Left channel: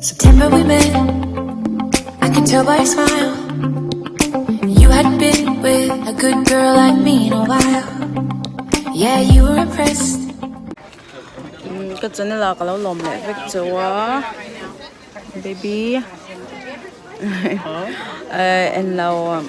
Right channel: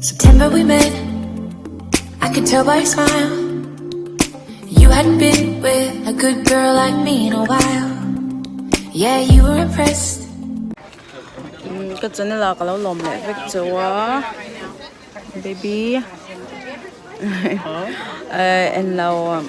September we met, I could tell by your smile. You hadn't been with a good girl like me in a while. Yeah, you were impressed. Cái chỗ này là cái lồng này với chỗ baby. En lâu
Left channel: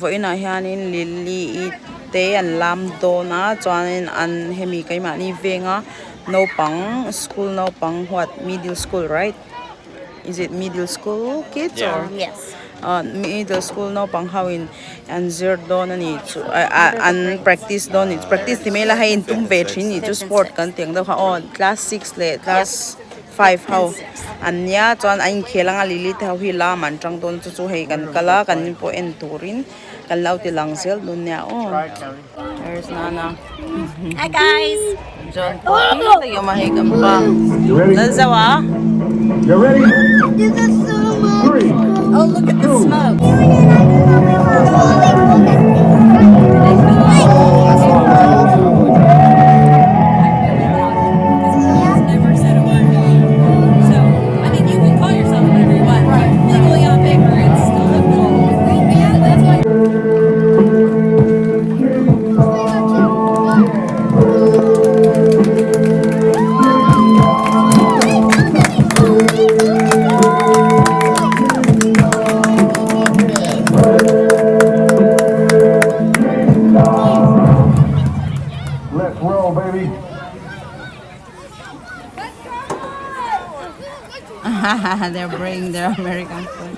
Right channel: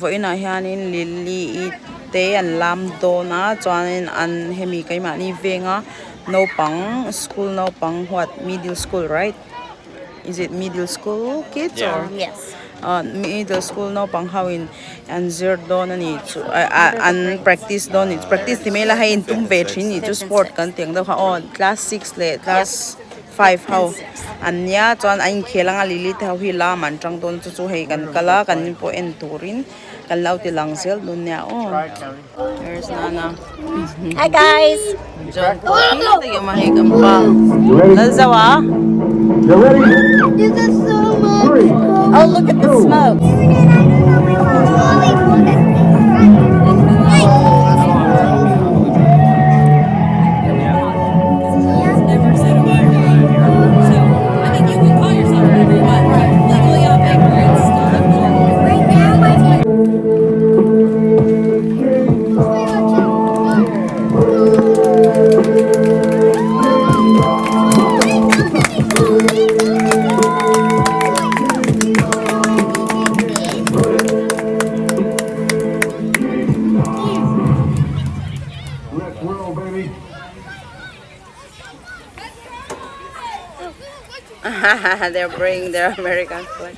với nó hiện in Lily te an lam do na cho nên an hemi cái mà ni về ngã no pang school no pang what middle school right? Is it middle school kids or Yes. middle school no pang hawin and zero don ani chu an practice don it practice ti mela hain tum ve thin ni chu sport kan teng da kha on class 6 le class 5 how anya chuan ain khelanga lili thau hi la man tang don chu hei kan kala kan po en turin kan lau ti lang sel dun nya on there's Nana. Hi guys. John po lagi mahi kan pa nalzawa. You ready? This is so much. Oh, look at the smoke. Let's roll, baby. They're bringing their American food.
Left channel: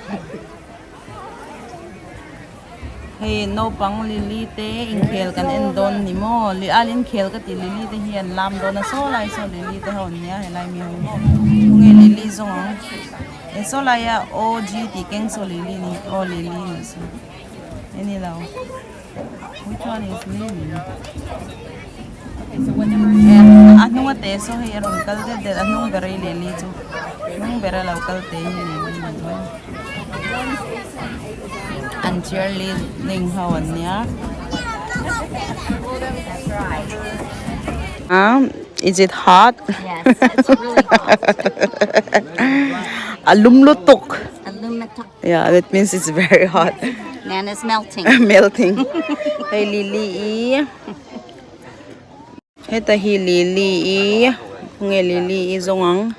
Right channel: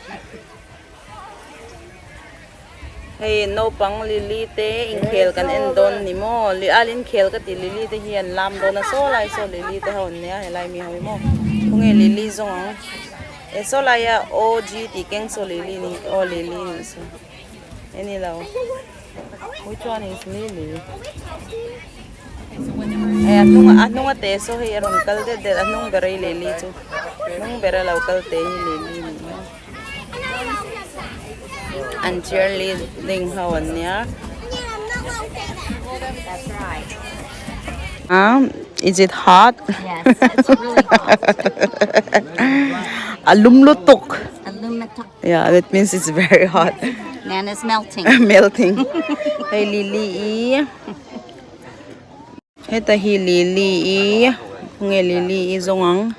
Hey, no pang lili te in khel kan en don ni mo li alin khel ka ti lili te hian lam don na so lai so lili te hon nia helai mi hoi mo kung e lili zong e so lai ya og ti keng so lili ni o lili ni so any lao which one is lili eh anong ate so hey aron kal de anong berai lili chu nung bera local te lili and cheerleading hawan niya. Is it hot? Yes, it's really hot. Alumlutok. Aluminum. Yeah, that means it's very hot. Man is melting. Melting. Hey Lily. Heta hi Lily. Nge Lily zongang.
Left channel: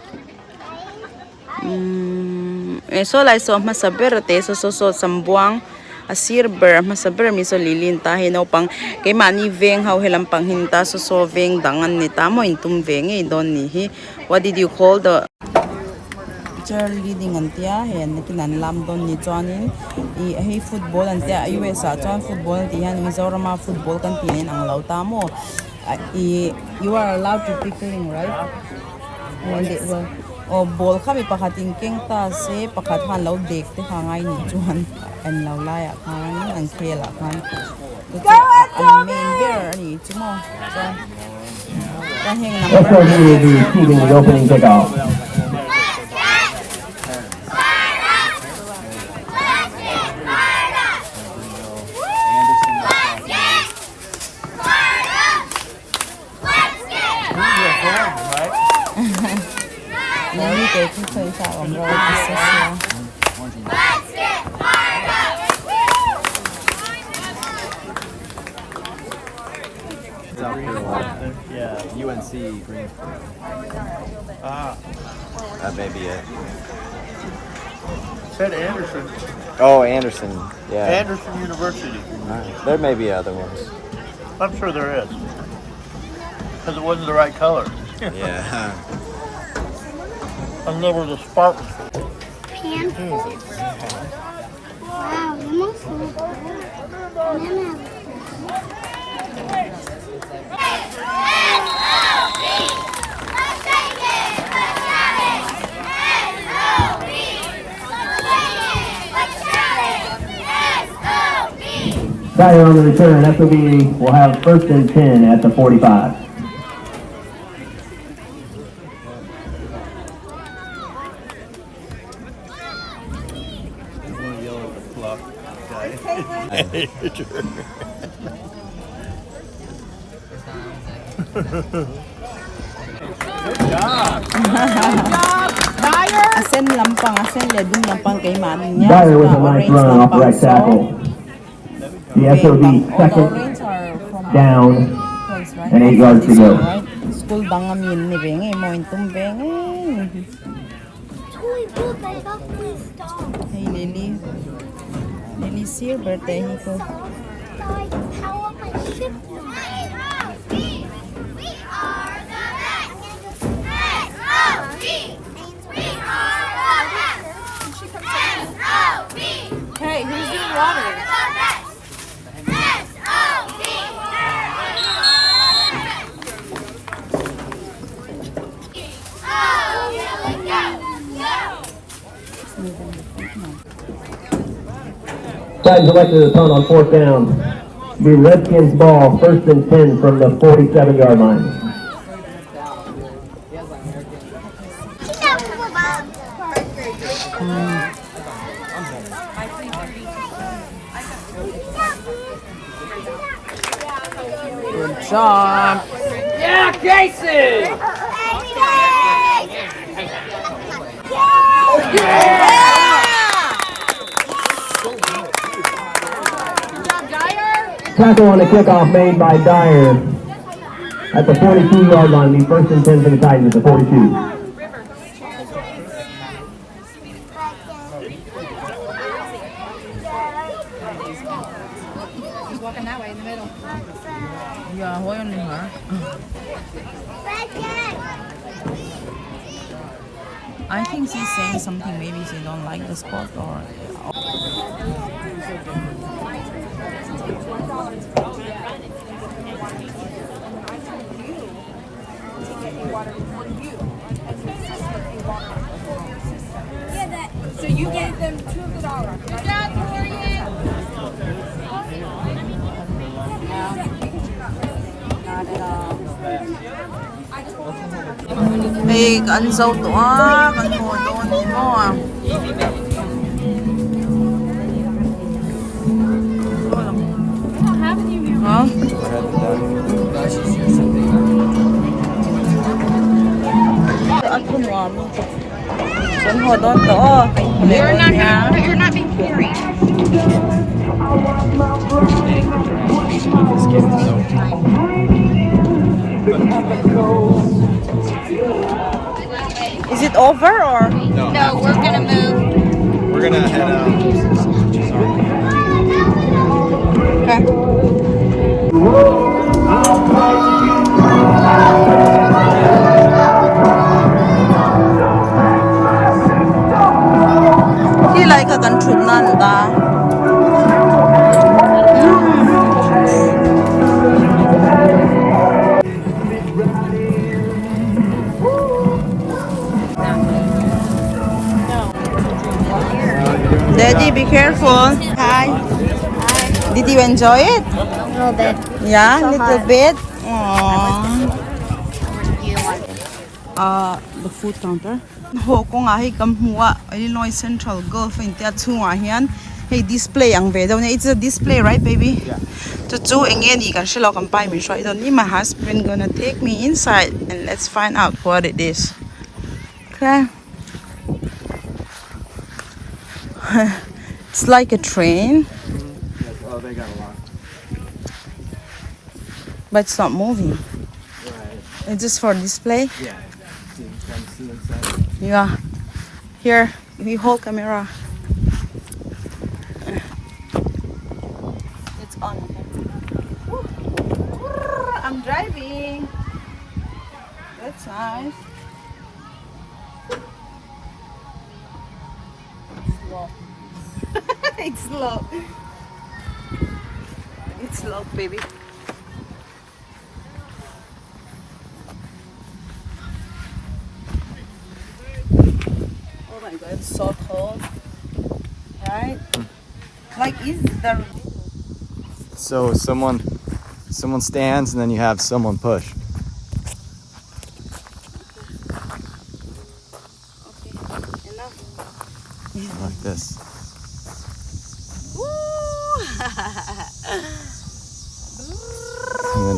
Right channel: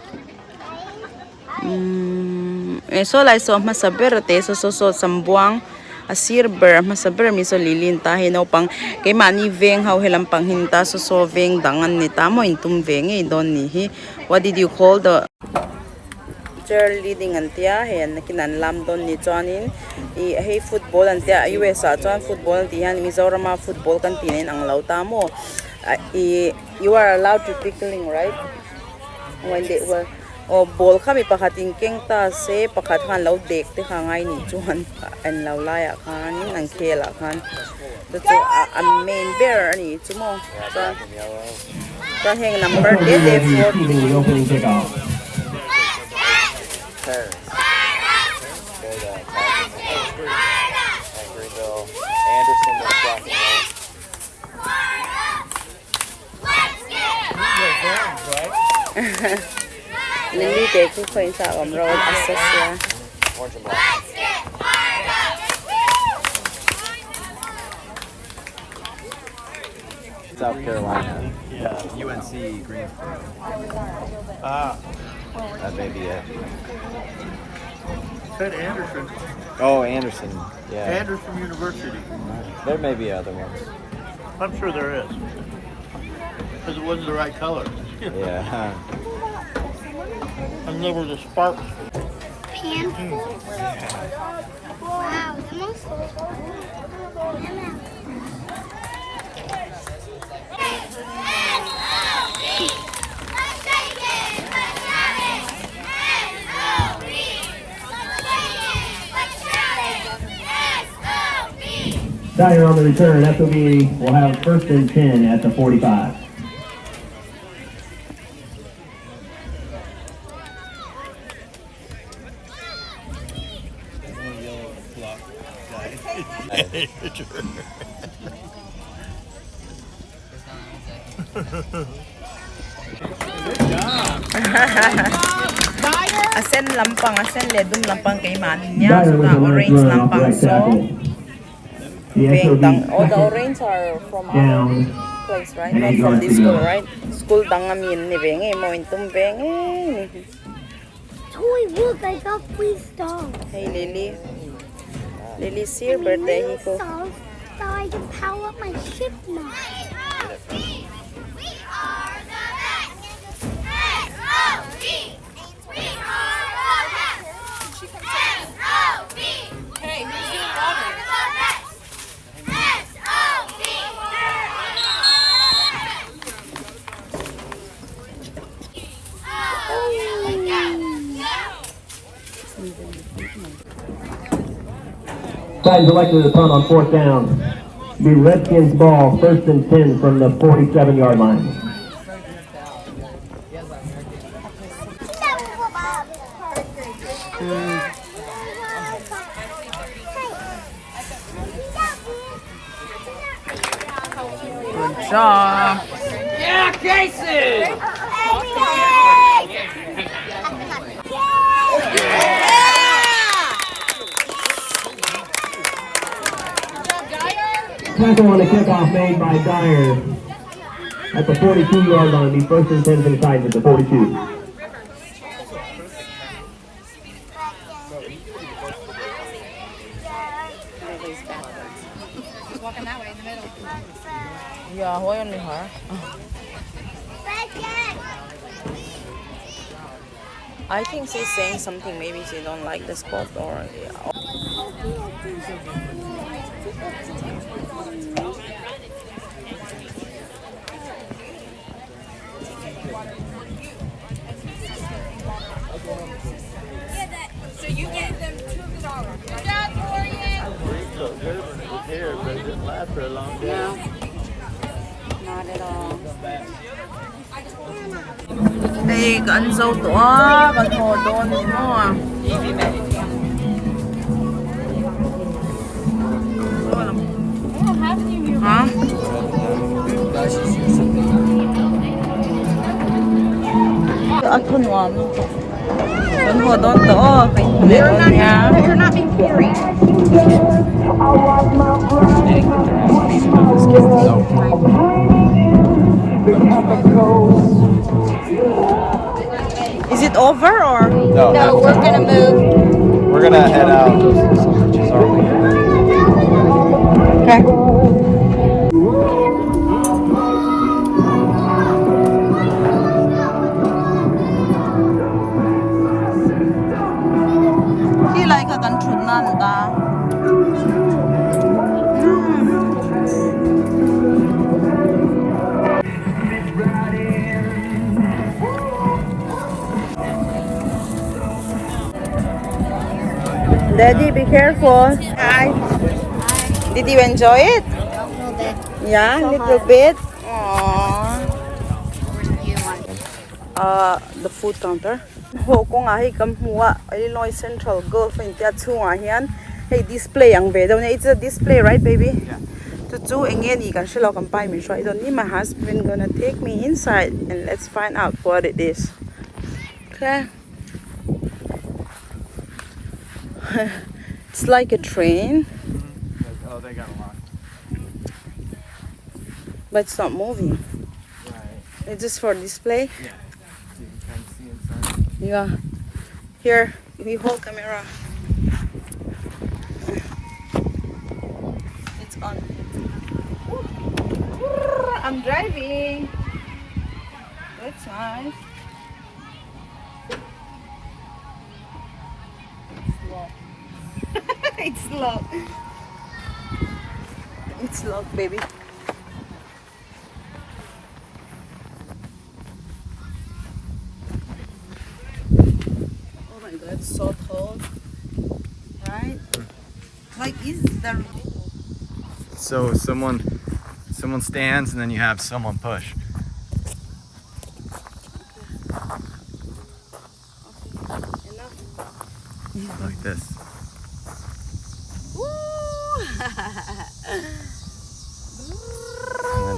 So lai so masaber te so sambuang asir ber masaber mi so lilin ta hino pang kay mani veng how helam pang hinta so veng dangan ni tamo intum veng e don ni hi what did you call the cheerleading antia hen nakinan lam don ni chuanin I hey football antia US a chuan football ti han Mizoram football kan tinen ang lau tamo you are allowed to pickling right when they were o ball kami pakating keng ta se pakat han law dek te hangai ni chuan an law laya khan ang khela khan to an main bear ni chumo ta heng number Receiving the opening kickoff. Lili te ku khoi sa om ro assess ya South Carolina. Yeah. UNC Greensboro. That may be it. Said Anderson. Oh, Anderson. Yeah. Anderson University. There may be other ones. I'm sure there is. Because it wasn't the right color. Yeah. And there was a Spartan. Wow, Tiger on the return. FOB will have first and 10 at the 45. Asen lampang, asen ledum lampang kay manin niya. Dyer So with na a nice orange run off the lampang. right So, tackle. The okay, SOD all the second orange are from down our place, right? and 8 Not from yards to this go. school, right? School dangamin ni Benge, mo intum Benge. Toy, look, I got please stop. Hey Lily. Lily's here, birthday hiko. Stop. Now I can power up my ship now. Hey, who's doing water? Titans elected to punt on 4th down. Be Redskins ball, 1st and 10 from the 47-yard line. Good job. Tackle on the kickoff made by Dyer at the 42-yard line. Be 1st and 10 for the Titans at the 42. He's walking that way in the middle. Yeah, why only her? I think she's saying something. Maybe she don't like the spot or. So you gave them $2 of the dollar. Good job, Torian. Hey, kan dâu to á, kan hồ đôn thì mo à. Hả? At thun wa mi. Kan hồ đôn to, kan hồ đôn nha. You're not being carried. Is it over or? No, we're gonna move. We're gonna head out. He like a kan thun nan da. Daddy, be careful. Hi. Hi. Did you enjoy it? A little bit. Yeah, little bit. Aww. You want? The food counter. Ho ko nga hi kam huwa Illinois Central Gulf in tia chunga hian hey display ang ve daw it's a display, right baby? Yeah. To chu engen I kan shilo kan pai mi shoi don ni my husband gonna take me inside and let's find out what it is. Okay. It's like a train, Oh, they got a lot. but it's not moving. Right. It's just for display. Yeah. See inside. Yeah. Here, we hold camera. It's on. I'm driving. That's nice. Slow. It's slow. It's slow, baby. Oh my god, it's so cold. Right? Like, is there. So someone stands and then you have someone push. Okay, enough. Like this. Woo!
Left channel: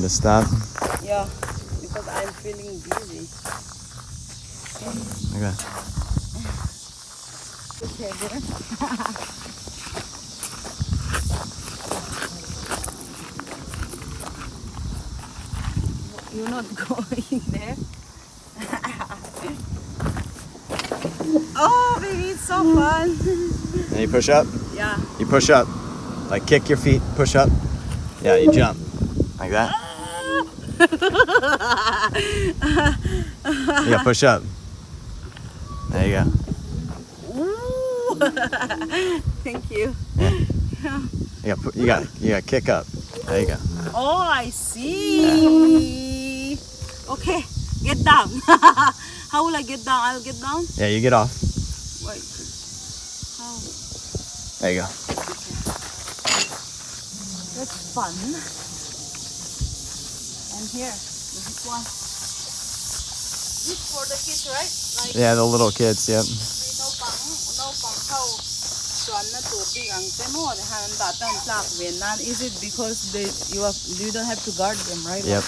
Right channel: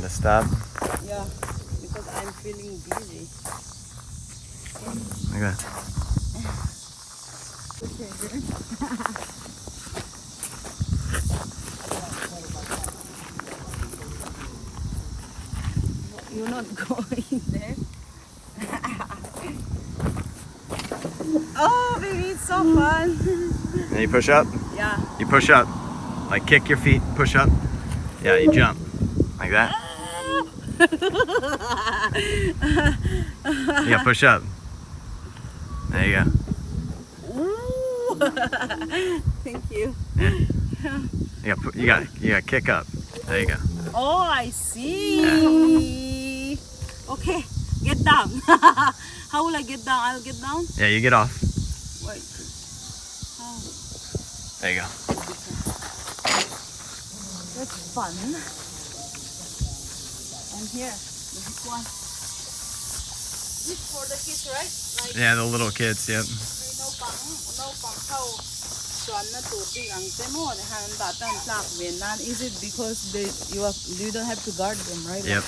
to stop. Yeah, because I'm feeling busy. Like that. Okay, good. You're not going there. Oh, baby, it's so fun. And you push up. Yeah. You push up. Like kick your feet, push up. Yeah, you jump. Like that. Yeah, push up. There you go. Ooh. Thank you. You got kick up. There you go. Oh, I see. Okay, get down. How will I get down? I'll get down. Yeah, you get off. Wait. How? There you go. That's fun. And here, this one. This for the kids, right? Like Yeah, the little kids. Yep. no pang how. Is it because you don't have to guard them, right? Yep.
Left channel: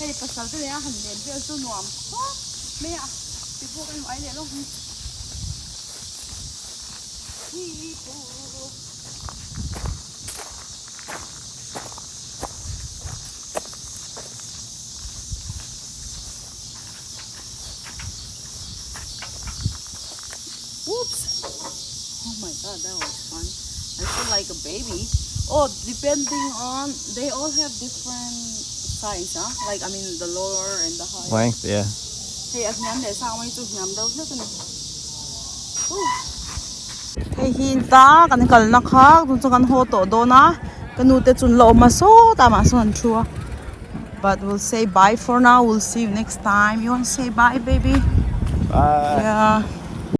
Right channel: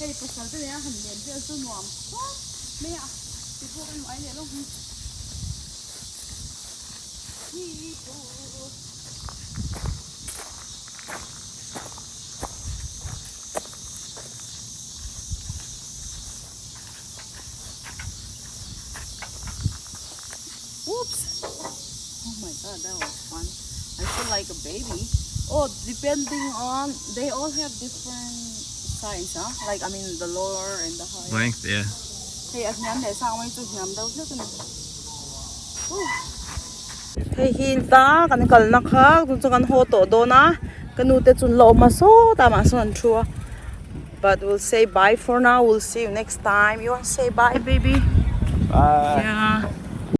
Hey, pasal tu yang handian dia tu nuam. Oh, maya. Tipo kan mai le lo. Oops. Oh my god, that was fun. I feel like a baby. Oh, depending on, they all have different size, huh? Like, I mean, the lower and the higher. Length. Yeah. Hey, as nhắm để sao mấy chục nhắm đâu chứ cái này. Hey, hinta kan kal na khak tun changan ho to do na kanu te chun lo ma so ta ma son chua. But we'll say bye for now. We'll see you next time. You want to say bye, baby? Bye. Yeah.